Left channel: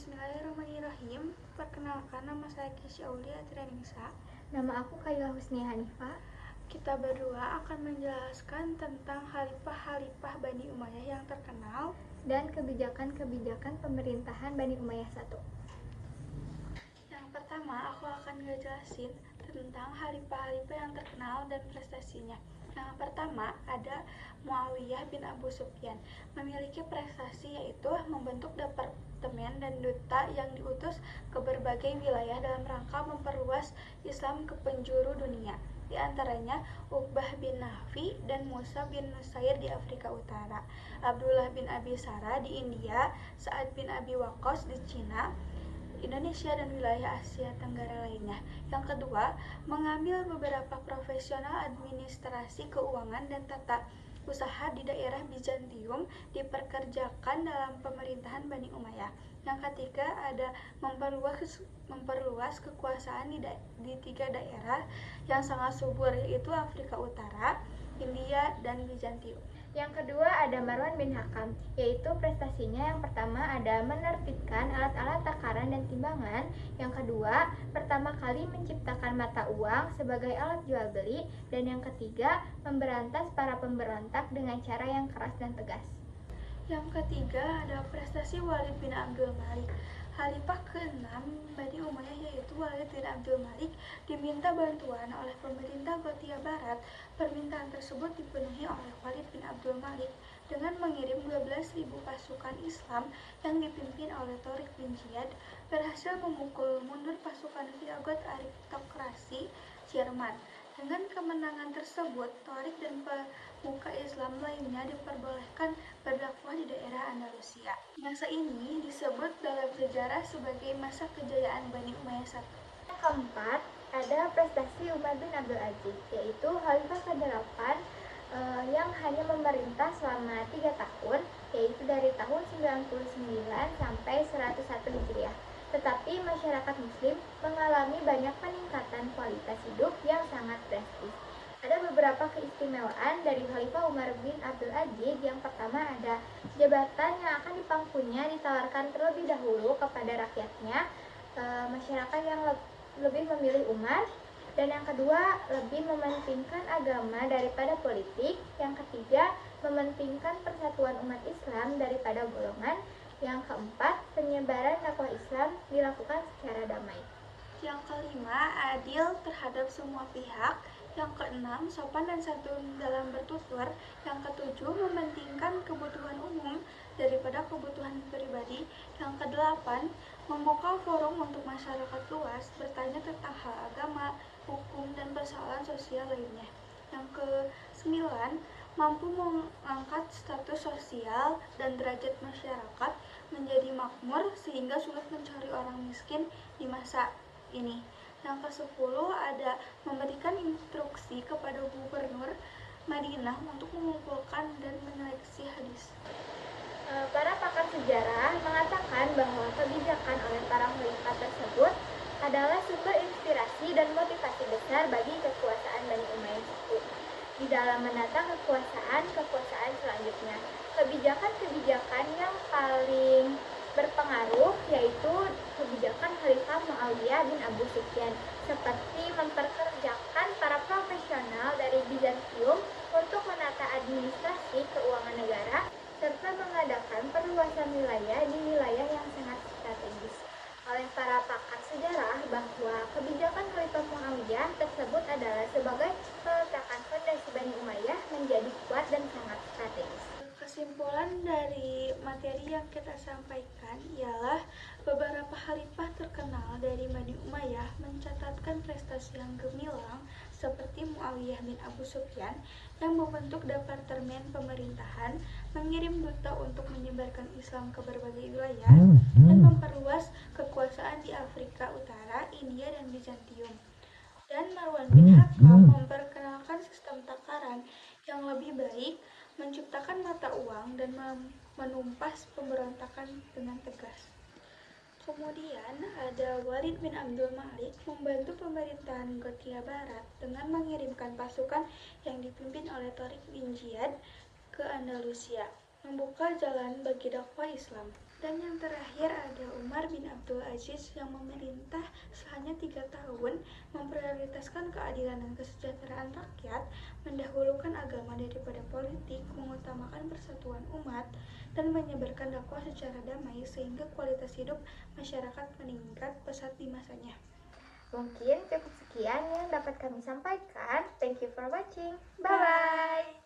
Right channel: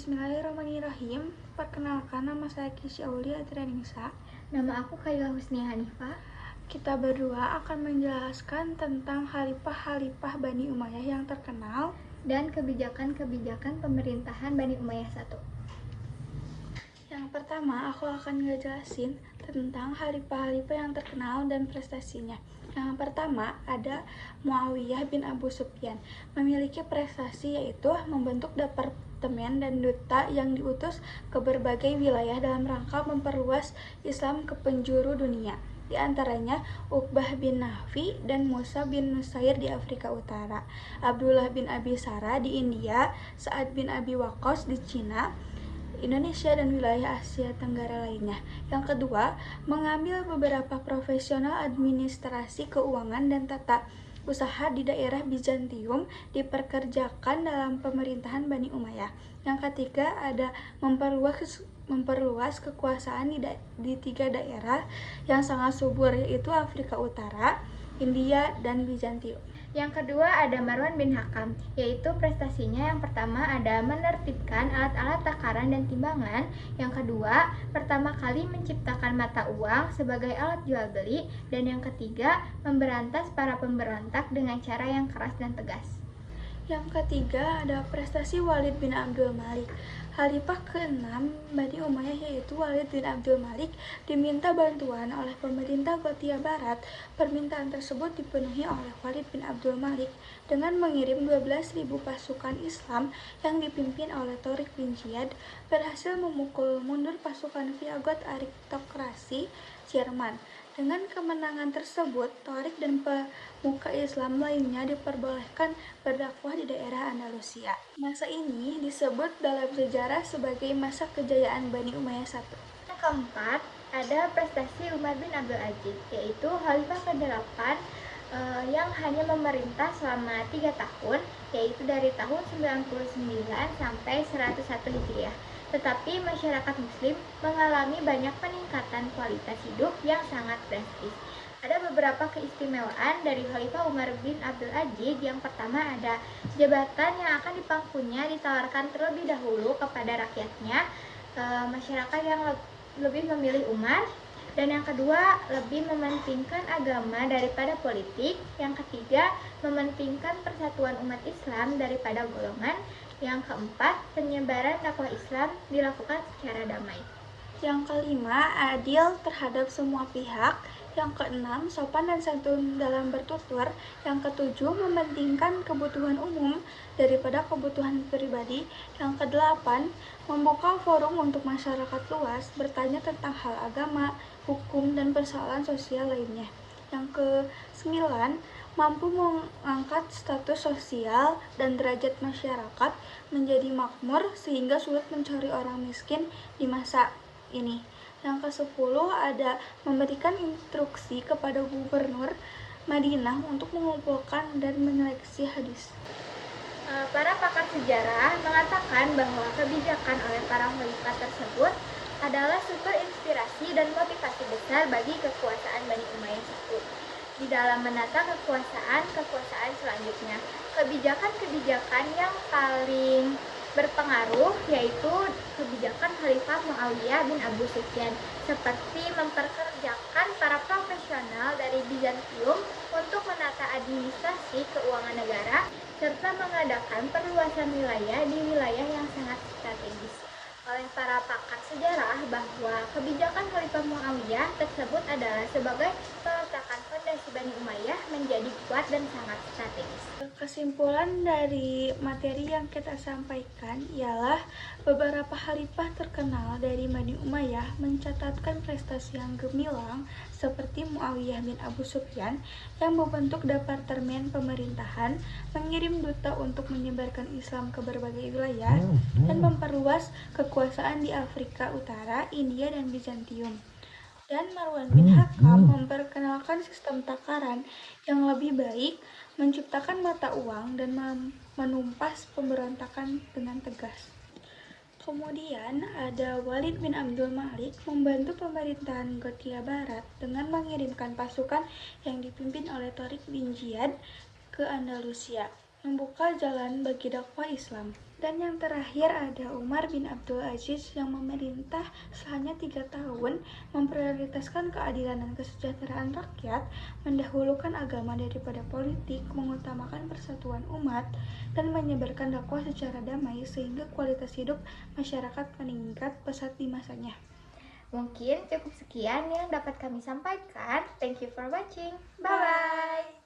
Bismillahirrahmanirrahim. Perkenalkan, nama saya Kisya Aulia Adrianisa. Nama aku Khaila Husni Hanifah. Kita berdua akan menjelaskan tentang khalifah-khalifah Bani Umayyah yang terkenal dan kebijakan-kebijakan pemerintahan Bani Umayyah I. Yang pertama, aku akan ngejelasin tentang khalifah-khalifah yang terkenal dan prestasinya. Yang pertama ada Muawiyah bin Abu Sufyan, memiliki prestasi yaitu membentuk departemen dan duta yang diutus ke berbagai wilayah dalam rangka memperluas Islam ke penjuru dunia. Di antaranya Uqbah bin Nafi dan Musa bin Nusair di Afrika Utara, Abdullah bin Abi Sarah di India, Sa'ad bin Abi Waqqas di Cina, Indonesia dan wilayah Asia Tenggara lainnya. Yang kedua, mengambil beberapa profesional administrasi keuangan dan tata usaha di daerah Bizantium diperkerjakan dalam pemerintahan Bani Umayyah. Yang ketiga, ada memperluas kekuasaan di 3 daerah yang sangat subur, yaitu Afrika Utara, India, dan Bizantium. Yang kedua ada Marwan bin Hakam, yaitu prestasinya yang pertama ada menertibkan alat-alat takaran dan timbangan. Yang kedua, pertama kali menciptakan mata uang sebagai alat jual beli. Dan yang ketiga, memberantas para pemberontak dengan cara yang keras dan tegas. Yang ketiga ada prestasi Walid bin Abdul Malik. Khalifah ke-6 Bani Umayyah yaitu Walid bin Abdul Malik diminta bantuan oleh pemerintah Gothia Barat. Permintaan tersebut dipenuhi oleh Walid bin Abdul Malik dengan mengirim 12.000 pasukan Islam yang dipimpin oleh Tariq bin Ziyad, berhasil memukul mundur pasukan Viagot aristokrasi Jerman. Dengan kemenangan tersebut, Tariq dan pemuka Islam lainnya diperbolehkan berdakwah di daerah Andalusia. Masa ini disebut dalam sejarah sebagai masa kejayaan Bani Umayyah I. Yang keempat, ada prestasi Umar bin Abdul Aziz, yaitu khalifah ke-8 yang hanya memerintah selama 3 tahun, yaitu dari tahun 99 sampai 101 Hijriah. Tetapi masyarakat muslim mengalami banyak peningkatan kualitas hidup yang sangat drastis. Ada beberapa keistimewaan dari Khalifah Umar bin Abdul Aziz. Yang pertama ada jabatan yang akan dipangkunya ditawarkan terlebih dahulu kepada rakyatnya, masyarakat yang lebih memilih Umar. Dan yang kedua, lebih mementingkan agama daripada politik. Yang ketiga, mementingkan persatuan umat Islam daripada golongan. Yang keempat, penyebaran dakwah Islam dilakukan secara damai. Yang kelima, adil terhadap semua pihak. Yang keenam, sopan dan santun dalam bertutur. Yang ketujuh, mementingkan kebutuhan umum daripada kebutuhan pribadi. Yang kedelapan, membuka forum untuk masyarakat luas bertanya tentang hal agama, hukum, dan persoalan sosial lainnya. Yang kesembilan, mampu mengangkat status sosial dan derajat masyarakat menjadi makmur sehingga sulit mencari orang miskin di masa ini. Yang ke-10 ada memberikan instruksi kepada gubernur Madinah untuk mengumpulkan dan menyeleksi hadis. Para pakar sejarah mengatakan bahwa kebijakan oleh para khalifah tersebut adalah sumber inspirasi dan motivasi besar bagi kekuasaan Bani Umayyah I. Di dalam menata kekuasaan selanjutnya, kebijakan-kebijakan yang paling berpengaruh yaitu kebijakan Khalifah Muawiyah bin Abu Sufyan, seperti memperkerjakan para profesional dari Bizantium untuk menata administrasi keuangan negara serta mengadakan perluasan wilayah di wilayah yang sangat strategis. Oleh para pakar sejarah bahwa kebijakan Khalifah Muawiyah tersebut adalah sebagai peletakan fondasi Bani Umayyah menjadi kuat dan sangat strategis. Kesimpulan dari materi yang kita sampaikan ialah beberapa khalifah terkenal dari Bani Umayyah mencatatkan prestasi yang gemilang seperti Muawiyah bin Abu Sufyan yang membentuk departemen pemerintahan, mengirim duta untuk menyebarkan Islam ke berbagai wilayah, dan memperluas kekuasaan di Afrika Utara, India, dan Bizantium. Dan Marwan bin Hakam memperkenalkan sistem takaran yang lebih baik, menciptakan mata uang, dan menumpas pemberontakan dengan tegas. Kemudian ada Walid bin Abdul Malik membantu pemerintahan Gothia Barat dengan mengirimkan pasukan yang dipimpin oleh Tariq bin Ziyad ke Andalusia. membuka jalan bagi dakwah Islam. Dan yang terakhir ada Umar bin Abdul Aziz yang memerintah selama 3 tahun, memprioritaskan keadilan dan kesejahteraan rakyat, mendahulukan agama daripada politik, mengutamakan persatuan umat, dan menyebarkan dakwah secara damai sehingga kualitas hidup masyarakat meningkat pesat di masanya. Mungkin cukup sekian yang dapat kami sampaikan. Thank you for watching. Bye-bye.